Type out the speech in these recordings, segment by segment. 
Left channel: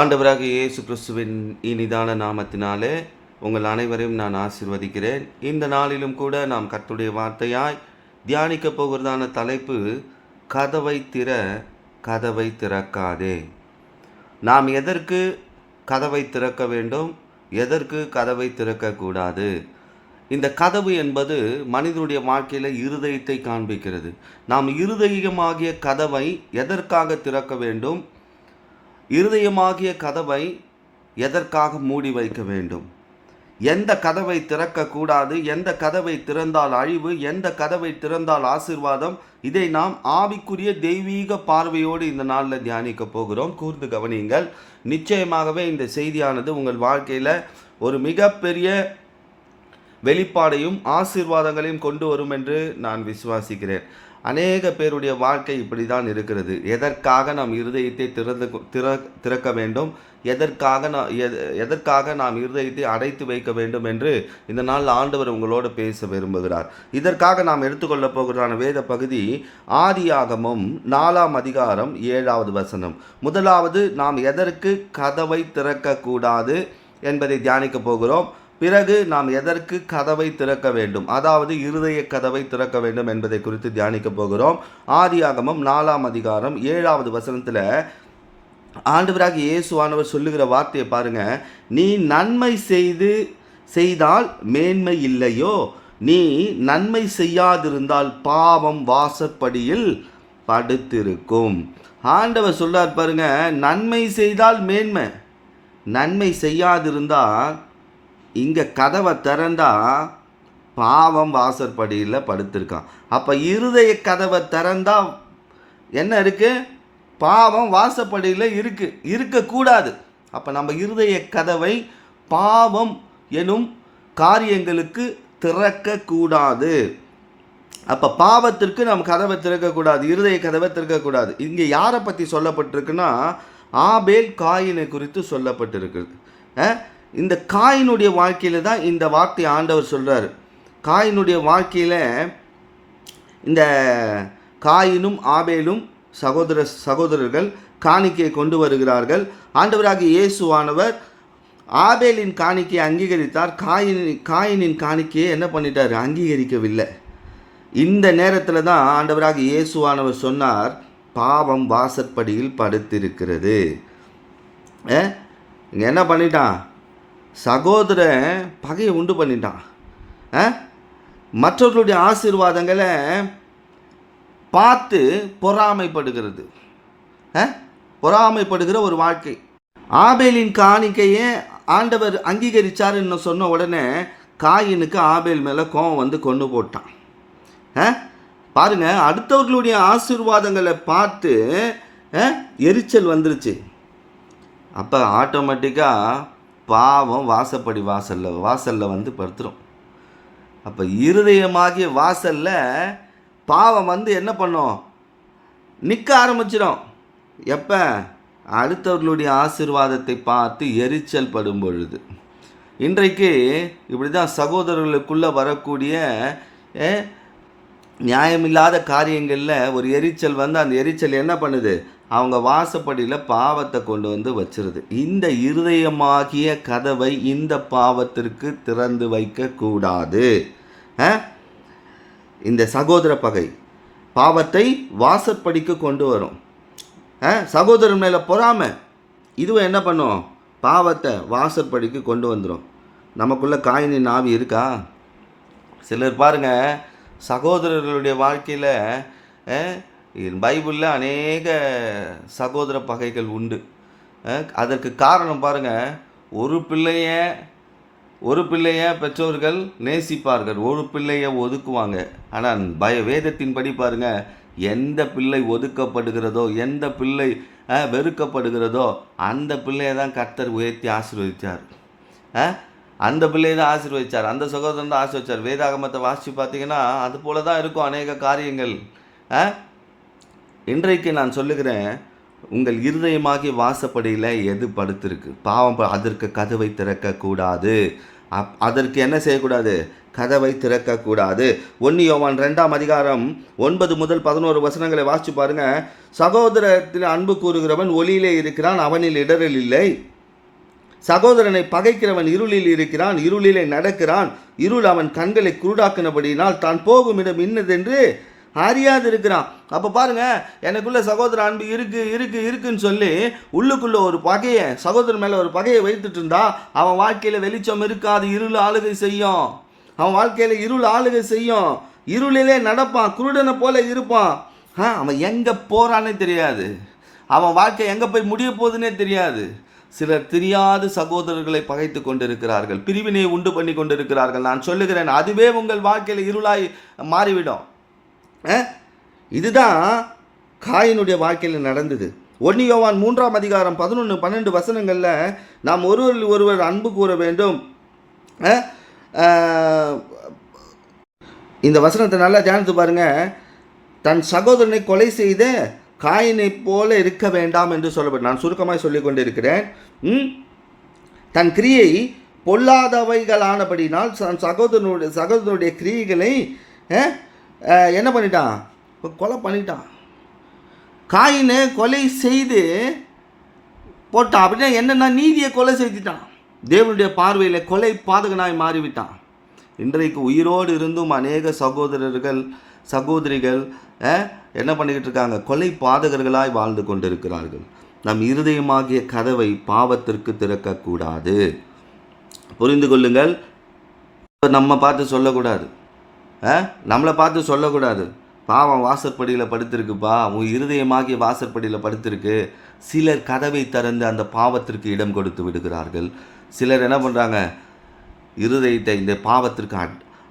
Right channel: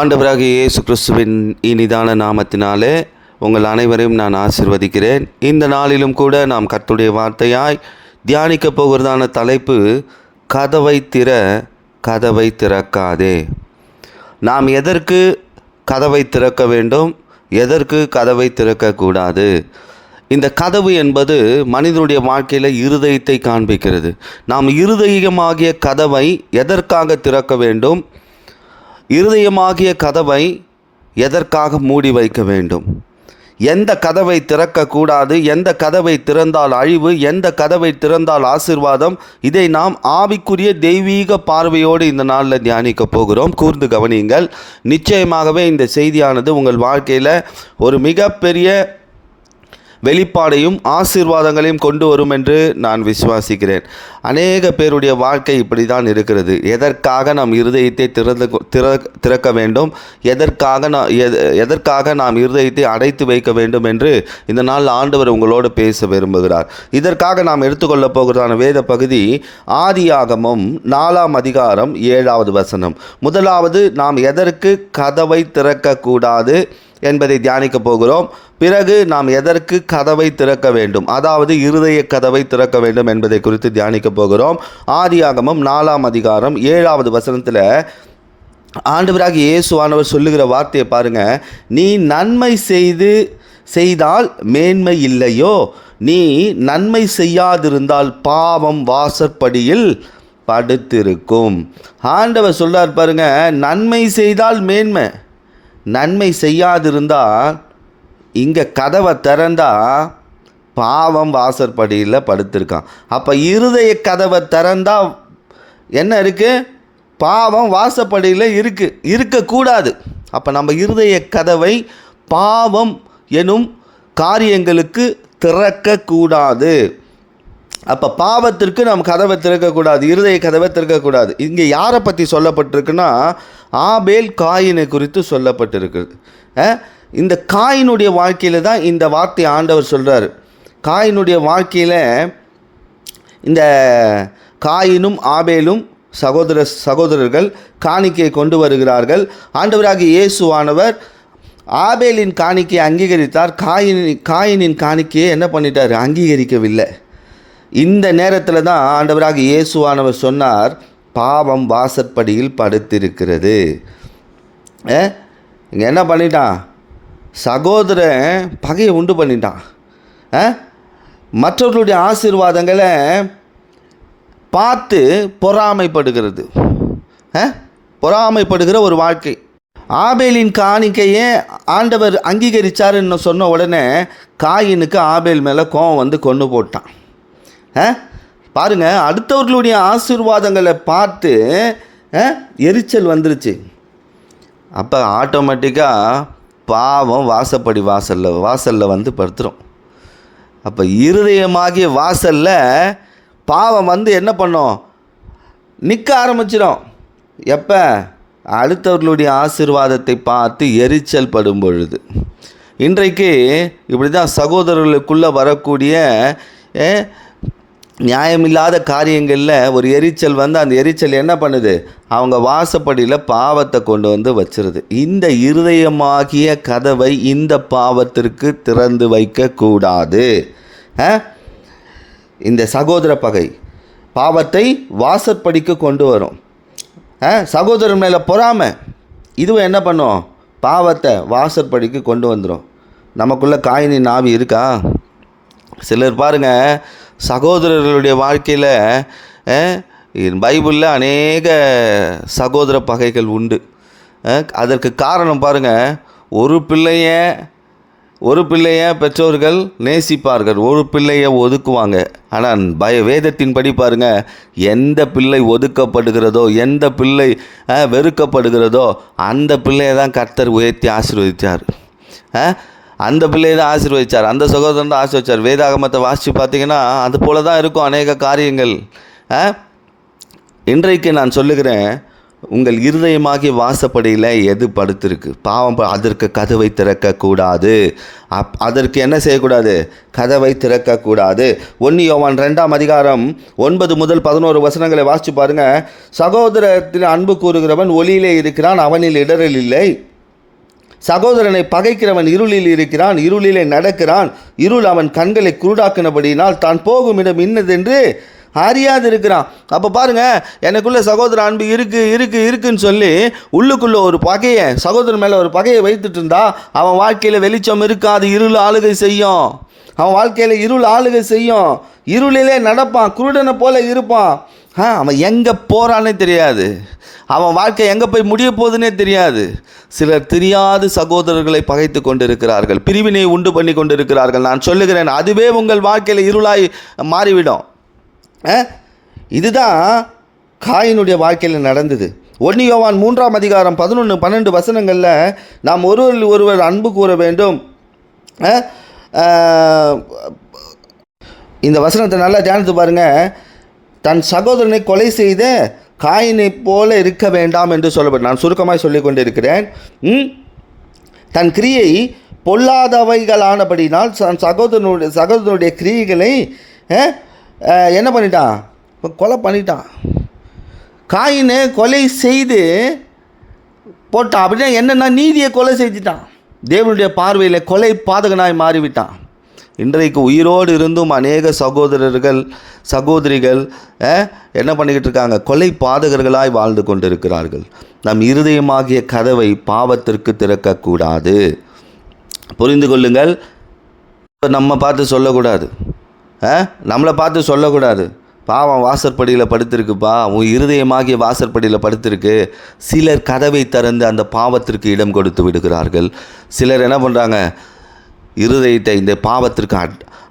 ஆண்டவராகிய இயேசு கிறிஸ்துவின் இனிதான நாமத்தினாலே உங்கள் அனைவரையும் நான் ஆசீர்வதிக்கிறேன். இந்த நாளிலும் கூட நாம் கர்த்தருடைய வார்த்தையாய் தியானிக்கப் போகிறதான தலைப்பு, கதவை திற, கதவை திறக்காதே. நாம் எதற்கு கதவை திறக்க வேண்டும், எதற்கு கதவை திறக்கக்கூடாது? இந்த கதவு என்பது மனிதனுடைய வாழ்க்கையில் இருதயத்தை காண்பிக்கிறது. நாம் இருதயமாகிய கதவை எதற்காக திறக்க வேண்டும், இருதயமாகிய கதவை எதற்காக மூடி வைக்க வேண்டும், எந்த கதவை திறக்கக்கூடாது, எந்த கதவை திறந்தால் அழிவு, எந்த கதவை திறந்தால் ஆசீர்வாதம், இதை நாம் ஆவிக்குரிய தெய்வீக பார்வையோடு இந்த நாளில் தியானிக்க போகிறோம். கூர்ந்து கவனியுங்கள். நிச்சயமாகவே இந்த செய்தியானது உங்கள் வாழ்க்கையில் ஒரு மிகப்பெரிய வெளிப்பாடையும் ஆசீர்வாதங்களையும் கொண்டு வரும் என்று நான் விசுவாசிக்கிறேன். அநேக பேருடைய வாழ்க்கை இப்படி தான் இருக்கிறது. எதற்காக நாம் இருதயத்தை திறக்க வேண்டும், எதற்காக நாம் இருதயத்தை அடைத்து வைக்க வேண்டும் என்று இந்த நாள் ஆண்டவர் உங்களோடு பேச விரும்புகிறார். இதற்காக நாம் எடுத்துக்கொள்ளப் போகிறதான வேத பகுதி ஆதியாகமம் 4ஆம் அதிகாரம் 7வது வசனம். முதலாவது, நாம் எதற்கு கதவை திறக்கக்கூடாது என்பதை தியானிக்க போகிறோம். பிறகு நாம் எதற்கு கதவை திறக்க வேண்டும், அதாவது இருதய கதவை திறக்க வேண்டும் என்பதை குறித்து தியானிக்க போகிறோம். ஆதியாகமம் 4ஆம் அதிகாரம் 7வது வசனத்தில் ஆண்டவராகிய இயேசுவானவர் சொல்லுகிற வார்த்தையை பாருங்க. நீ நன்மை செய்தால் மேன்மை இல்லையோ, நீ நன்மை செய்யாதிருந்தால் பாவம் வாசற்படியில் படுத்திருக்கும். ஆண்டவர் சொல்றார் பாருங்க, நன்மை செய்தால் மேன்மை, நன்மை செய்யாதிருந்தால் இங்கே கதவை திறந்தா பாவம் வாசற்படியில் படுத்திருக்கான். அப்போ இருதய கதவை திறந்தா என்ன இருக்குது? பாவம் வாசப்படியில் இருக்கக்கூடாது. அப்போ நம்ம இருதய கதவை பாவம் எனும் காரியங்களுக்கு திறக்கக்கூடாது. அப்போ பாவத்திற்கு நம்ம கதவை திறக்கக்கூடாது, இருதய கதவை திறக்கக்கூடாது. இங்கே யாரை பற்றி சொல்லப்பட்டிருக்குன்னா, ஆபேல் காயினை குறித்து சொல்லப்பட்டிருக்குது. இந்த காயினுடைய வாழ்க்கையில் தான் இந்த வார்த்தை ஆண்டவர் சொல்கிறார். காயினுடைய வாழ்க்கையில் இந்த காயினும் ஆபேலும் சகோதரர்கள் காணிக்கையை கொண்டு வருகிறார்கள். ஆண்டவராகிய இயேசுவானவர் ஆபேலின் காணிக்கையை அங்கீகரித்தார், காயினின் காணிக்கையை என்ன பண்ணிட்டார்? அங்கீகரிக்கவில்லை. இந்த நேரத்தில் தான் ஆண்டவராகிய இயேசுவானவர் சொன்னார், பாவம் வாசற்படியில் படுத்திருக்கிறது. இங்கே என்ன பண்ணிட்டான்? சகோதரன் பகையை உண்டு பண்ணிட்டான். மற்றவர்களுடைய ஆசீர்வாதங்களை பார்த்து பொறாமைப்படுகிற ஒரு வாழ்க்கை. ஆபேலின் காணிக்கையை ஆண்டவர் அங்கீகரித்தாருன்னு சொன்ன உடனே காயினுக்கு ஆபேல் மேலே கோபம் வந்து கொண்டு போட்டான். பாருங்கள், அடுத்தவர்களுடைய ஆசீர்வாதங்களை பார்த்து எரிச்சல் வந்துருச்சு. அப்போ ஆட்டோமேட்டிக்காக பாவம் வாசலில் வந்து படுத்துரும். அப்போ இருதயமாகிய வாசலில் பாவம் வந்து என்ன பண்ணும்? நிற்க ஆரம்பிச்சிடும். எப்போ? அடுத்தவர்களுடைய ஆசீர்வாதத்தை பார்த்து எரிச்சல் படும் பொழுது. இன்றைக்கு இப்படி தான் சகோதரர்களுக்குள்ளே வரக்கூடிய நியாயமில்லாத காரியங்களில் ஒரு எரிச்சல் வந்து அந்த எரிச்சல் என்ன பண்ணுது? அவங்க வாசப்படியில் பாவத்தை கொண்டு வந்து வச்சிருது. இந்த இருதயமாகிய கதவை இந்த பாவத்திற்கு திறந்து வைக்கக்கூடாது. இந்த சகோதர பகை பாவத்தை வாசற்படிக்கு கொண்டு வரும். சகோதரன் மேலே பொறாமை இதுவும் என்ன பண்ணும்? பாவத்தை வாசற்படிக்கு கொண்டு வந்துடும். நமக்குள்ளே காயினின் ஆவி இருக்கா? சிலர் பாருங்கள், சகோதரர்களுடைய வாழ்க்கையில் பைபிளில் அநேக சகோதர பகைகள் உண்டு. அதற்கு காரணம் பாருங்கள், ஒரு பிள்ளைய பெற்றோர்கள் நேசிப்பார்கள், ஒரு பிள்ளையை ஒதுக்குவாங்க. ஆனால் வேதத்தின்படி பாருங்கள், எந்த பிள்ளை ஒதுக்கப்படுகிறதோ, எந்த பிள்ளை வெறுக்கப்படுகிறதோ அந்த பிள்ளையை தான் கர்த்தர் உயர்த்தி ஆசீர்வதித்தார். அந்த பிள்ளையை தான் ஆசீர்வதித்தார், அந்த சகோதரன் தான் ஆசீர்வதித்தார். வேதாகமத்தை வாசித்து பார்த்தீங்கன்னா அது போல தான் இருக்கும் அநேக காரியங்கள். இன்றைக்கு நான் சொல்லுகிறேன், உங்கள் இருதயமாகிய வாசப்படியில் எது படுத்திருக்கு? பாவம் அதற்கு கதவை திறக்கக்கூடாது. அதற்கு என்ன செய்யக்கூடாது? கதவை திறக்கக்கூடாது. 1 யோவான் 2ஆம் அதிகாரம் 9 முதல் 11 வசனங்களை வாசித்து பாருங்கள். சகோதரத்தில் அன்பு கூறுகிறவன் ஒளியிலே இருக்கிறான், அவனில் இடரல் இல்லை. சகோதரனை பகைக்கிறவன் இருளில் இருக்கிறான், இருளிலே நடக்கிறான். இருள் அவன் கண்களை குருடாக்கினபடினால் தான் போகும் இடம் இன்னதென்று அறியாது இருக்கிறான். அப்போ பாருங்கள், எனக்குள்ளே சகோதர அன்பு இருக்குன்னு சொல்லி உள்ளுக்குள்ளே ஒரு பகையை, சகோதரன் மேலே ஒரு பகையை வைத்துட்டு இருந்தா அவன் வாழ்க்கையில் வெளிச்சம் இருக்காது, இருள் ஆளுகை செய்யும். அவன் வாழ்க்கையில் இருள் ஆளுகை செய்யும். இருளிலே நடப்பான், குருடனை போல இருப்பான். அவன் எங்கே போகிறானே தெரியாது, அவன் வாழ்க்கை எங்கே போய் முடிய போகுதுன்னே தெரியாது. சிலர் தெரியாது சகோதரர்களை பகைத்து கொண்டிருக்கிறார்கள், பிரிவினை உண்டு பண்ணி கொண்டிருக்கிறார்கள். நான் சொல்லுகிறேன், அதுவே உங்கள் வாழ்க்கையில் இருளாய் மாறிவிடும். இதுதான் காயினுடைய வாழ்க்கையில் நடந்தது. 1 யோவான் 3ஆம் அதிகாரம் 11-12 வசனங்களில் நாம் ஒருவர் அன்பு கூற வேண்டும். இந்த வசனத்தை நல்லா தியானித்து பாருங்கள். தன் சகோதரனை கொலை செய்த காயினை போல இருக்க வேண்டாம் என்று சொல்லப்படும். நான் சுருக்கமாக சொல்லிக் கொண்டிருக்கிறேன். தன் கிரியை பொல்லாதவைகளானபடினால் சகோதரனுடைய கிரியைகளை என்ன பண்ணிட்டான்? கொலை பண்ணிட்டான். காயினை கொலை செய்து போட்டான். அப்படின்னா என்னென்னா நீதியை கொலை செஞ்சுட்டான். தேவனுடைய பார்வையில் கொலை பாதகனாய் மாறிவிட்டான். இன்றைக்கு உயிரோடு இருந்தும் அநேக சகோதரிகள் என்ன பண்ணிக்கிட்டு இருக்காங்க? கொலை பாதகர்களாய் வாழ்ந்து கொண்டிருக்கிறார்கள். நம் இருதயமாகிய கதவை பாவத்திற்கு திறக்கக்கூடாது. புரிந்து கொள்ளுங்கள். நம்ம பார்த்து சொல்லக்கூடாது, நம்மளை பார்த்து சொல்லக்கூடாது, பாவம் வாசற்படியில் படுத்திருக்குப்பா, உன் இருதயமாகிய வாசற்படியில் படுத்திருக்கு. சிலர் கதவை திறந்து அந்த பாவத்திற்கு இடம் கொடுத்து விடுகிறார்கள். சிலர் என்ன பண்ணுறாங்க? இருதயத்தை இந்த பாவத்திற்கு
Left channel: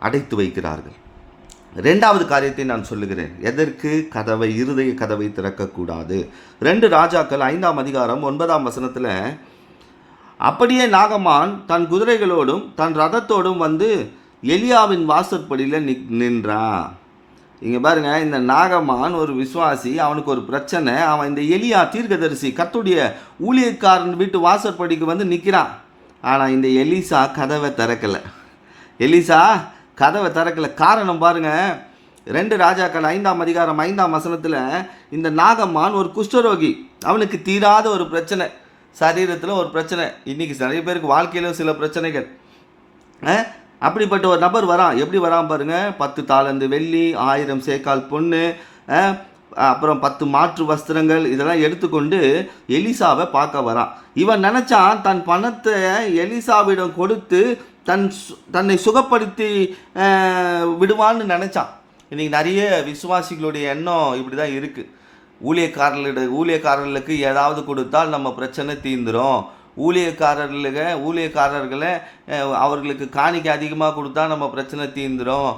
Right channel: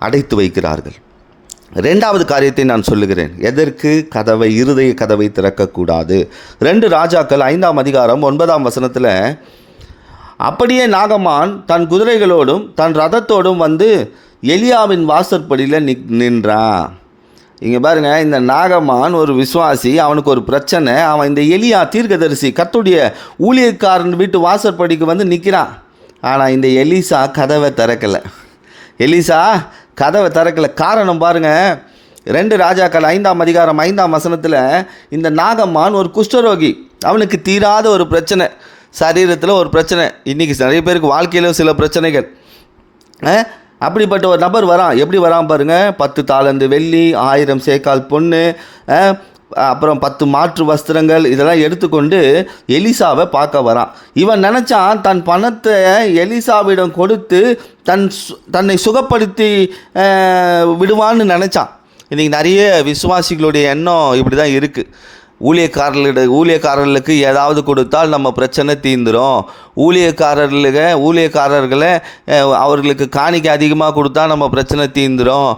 அடைத்து வைக்கிறார்கள். 2வது காரியத்தை நான் சொல்லுகிறேன். எதற்கு இருதய கதவை திறக்கக்கூடாது? 2 ராஜாக்கள் 5ஆம் அதிகாரம் 9ஆம் வசனத்தில், அப்படியே நாகமான் தன் குதிரைகளோடும் தன் ரதத்தோடும் வந்து எலியாவின் வாசற்படியில் நின்றான். இங்கே பாருங்கள், இந்த நாகமான் ஒரு விசுவாசி, அவனுக்கு ஒரு பிரச்சனை. அவன் இந்த எலியா தீர்க்கதரிசி கர்த்தருடைய ஊழியக்காரன் வீட்டு வாசற்படிக்கு வந்து நிற்கிறான். ஆனால் இந்த எலிசா கதவை திறக்கலை. காரணம் பாருங்கள், 2 ராஜாக்கள் 5ஆம் அதிகாரம் 5ஆம் வசனத்தில், இந்த நாகமான் ஒரு குஷ்டரோகி. அவனுக்கு தீராத ஒரு பிரச்சனை, சரீரத்தில் ஒரு பிரச்சனை. இன்றைக்கி நிறைய பேருக்கு வாழ்க்கையில் சில பிரச்சனைகள். அப்படிப்பட்ட ஒரு நபர் வரான். எப்படி வரான் பாருங்கள். 10 தாலந்து வெள்ளி, 1000 சேக்கால் பொண்ணு, அப்புறம் 10 மாற்று வஸ்திரங்கள், இதெல்லாம் எடுத்துக்கொண்டு எலிசாவை பார்க்க வரான். இவன் நினச்சான் தன் பணத்தை எலிசாவிடம் கொடுத்து தன்னை சுகப்படுத்தி விடுவான்னு நினச்சான். இன்றைக்கி நிறைய விசுவாசிகளுடைய எண்ணம் இப்படி தான் இருக்குது. ஊழியக்காரர்களுக்கு ஏதாவது கொடுத்தால் நம்ம பிரச்சனை தீர்ந்துடும். ஊழியக்காரர்களை அவர்களுக்கு காணிக்கை அதிகமாக கொடுத்தா நம்ம பிரச்சனை தீர்ந்துடும்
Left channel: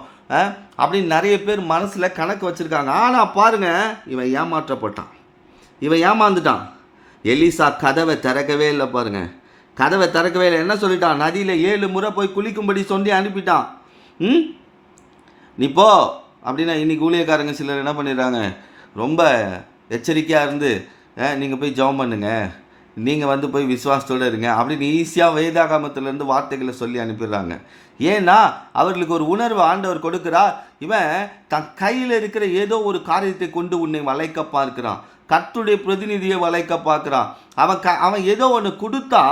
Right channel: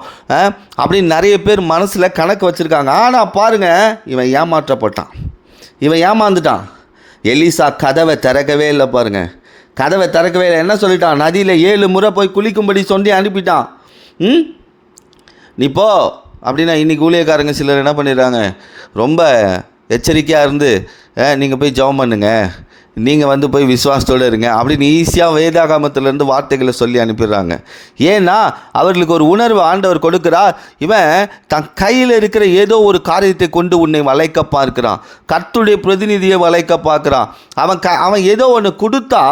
அப்படின்னு நிறைய பேர் மனசில் கணக்கு வச்சுருக்காங்க. ஆனால் பாருங்கள், இவன் ஏமாந்துட்டான். எலிசா கதவை திறக்கவே இல்லை. பாருங்கள், கதவை திறக்கவே இல்லை. என்ன சொல்லிட்டான்? நதியில் 7 முறை போய் குளிக்கும்படி சொல்லி அனுப்பிட்டான். நீ போ அப்படின்னா, இன்றைக்கி ஊழியக்காரங்க சிலர் என்ன பண்ணிடுறாங்க? ரொம்ப எச்சரிக்கையாக இருந்து நீங்கள் போய் ஜெபம் பண்ணுங்க, நீங்கள் வந்து போய் விசுவாசத்தோடு இருங்க அப்படின்னு ஈஸியாக வேதாகமத்திலேருந்து வார்த்தைகளை சொல்லி அனுப்பிடுறாங்க. ஏன்னா அவர்களுக்கு ஒரு உணர்வு ஆண்டவர் கொடுக்குறார். இவன் தன் கையில் இருக்கிற ஏதோ ஒரு காரியத்தை கொண்டு உன்னை வளைக்க பார்க்கிறான், கர்த்தருடைய பிரதிநிதியை வளைக்க பார்க்குறான். அவன் ஏதோ ஒன்று கொடுத்தா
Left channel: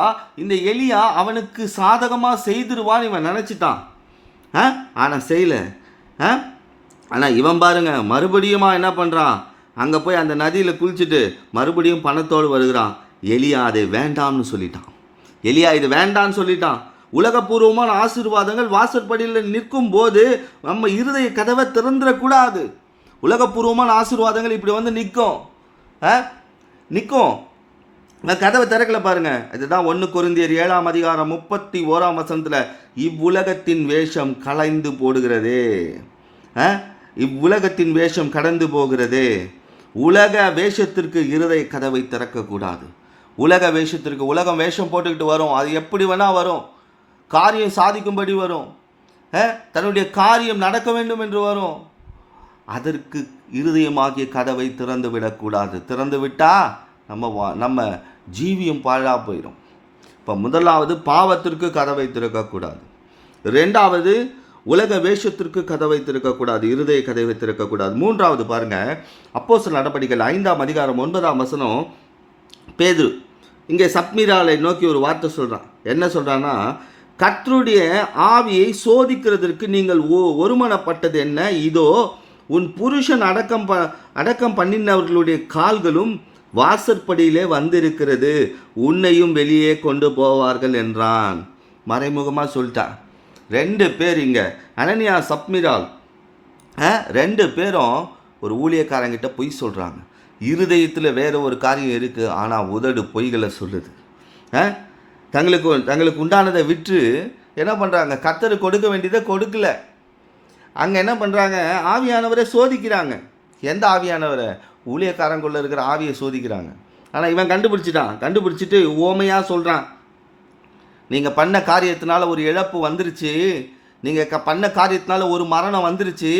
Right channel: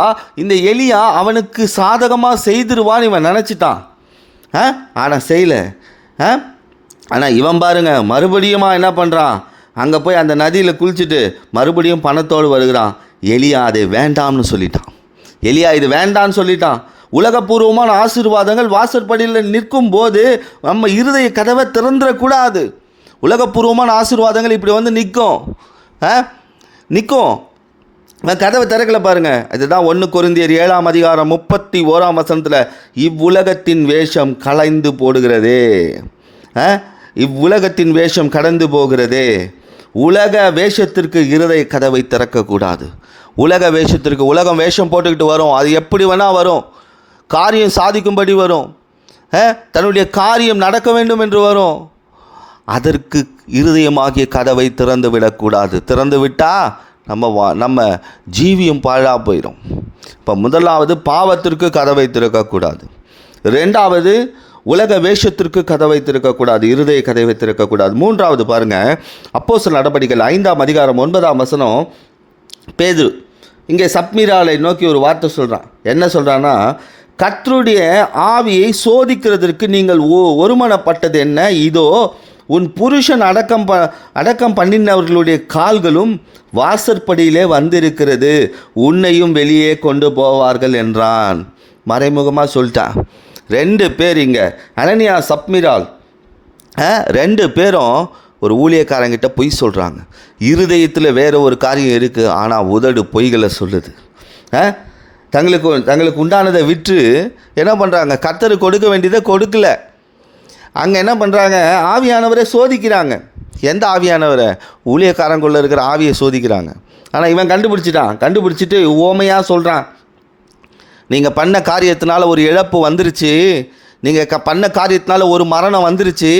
இந்த எலியா அவனுக்கு சாதகமாக செய்திருவான்னு இவன் நினச்சிட்டான். ஆனால் செய்யலை. ஆனால் இவன் பாருங்க, மறுபடியும் என்ன பண்ணுறான்? அங்கே போய் அந்த நதியில் குளிச்சுட்டு மறுபடியும் பணத்தோடு வருகிறான். எலியா அதை வேண்டாம்னு சொல்லிட்டான். இது வேண்டான்னு சொல்லிட்டான். உலகப்பூர்வமான ஆசீர்வாதங்கள் வாசற்படியில் நிற்கும் போது நம்ம இருதய கதவை திறந்துடக்கூடாது. உலகப்பூர்வமான ஆசீர்வாதங்கள் இப்படி வந்து நிற்கும். கதவை திறக்கலை பாருங்கள். இதுதான் 1 கொரிந்தியர் 7ஆம் அதிகாரம் 31ஆம் வசனத்தில், இவ்வுலகத்தின் வேஷம் களைந்து போடுகிறதே. இவ்வுலகத்தின் வேஷம் கடந்து போகிறதே. உலக வேஷத்திற்கு இருதய கதவை திறக்கக்கூடாது. உலகம் வேஷம் போட்டுக்கிட்டு வரும். அது எப்படி வேணால் வரும். காரியம் சாதிக்கும்படி வரும். தன்னுடைய காரியம் நடக்க வேண்டும் என்று வரும். அதற்கு இருதயமாகிய கதவை திறந்து விடக்கூடாது. திறந்து விட்டால் நம்ம ஜீவியம் பாழாக போயிடும். இப்போ முதலாவது பாவத்திற்கு கதவை திறக்கக்கூடாது. ரெண்டாவது உலக வேஷத்திற்கு கதவை திறக்கக்கூடாது, இருதய கதவை திறக்கக்கூடாது. மூன்றாவது பாருங்கள், அப்போஸ்தலர் நடபடிகள் 5ஆம் அதிகாரம் 9ஆம் வசனம். பேதுரு இங்கே சப்மீராலை நோக்கி ஒரு வார்த்தை சொல்கிறான். என்ன சொல்கிறான்னா, கர்த்தருடைய ஆவியை சோதிக்கிறதற்கு நீங்கள் ஒருமனப்பட்டது என்ன? இதோ உன் புருஷன் அடக்கம் பண்ணினவர்களுடைய கால்களும் வாசற்படியிலே வந்திருக்கிறது, உன்னையும் வெளியே கொண்டு போவார்கள் என்றான். மறைமுகமாக சொல்லிட்டான். 2 பேர் இங்கே அனனியா சப்மிரால் 2 பேரும் ஒரு ஊழியக்காரங்கிட்ட பொய் சொல்கிறாங்க. இருதயத்தில் வேறு ஒரு காரியம் இருக்குது, ஆனால் உதடு பொய்களை சொல்லுது. தங்களுக்கு உண்டானதை விற்று என்ன பண்ணுறாங்க? கர்த்தருக்கு கொடுக்க வேண்டியதை கொடுக்கல. அங்கே என்ன பண்ணுறாங்க? ஆவியானவரை சோதிக்கிறாங்க. எந்த ஆவியானவரை? ஊழியக்காரங்குள்ளே இருக்கிற ஆவியை சோதிக்கிறாங்க. ஆனால் இவன் கண்டுபிடிச்சிட்டு ஓமையாக சொல்கிறான். நீங்கள் பண்ண காரியத்தினால ஒரு இழப்பு வந்துருச்சு, நீங்கள் பண்ண காரியத்தினால ஒரு மரணம் வந்துருச்சு,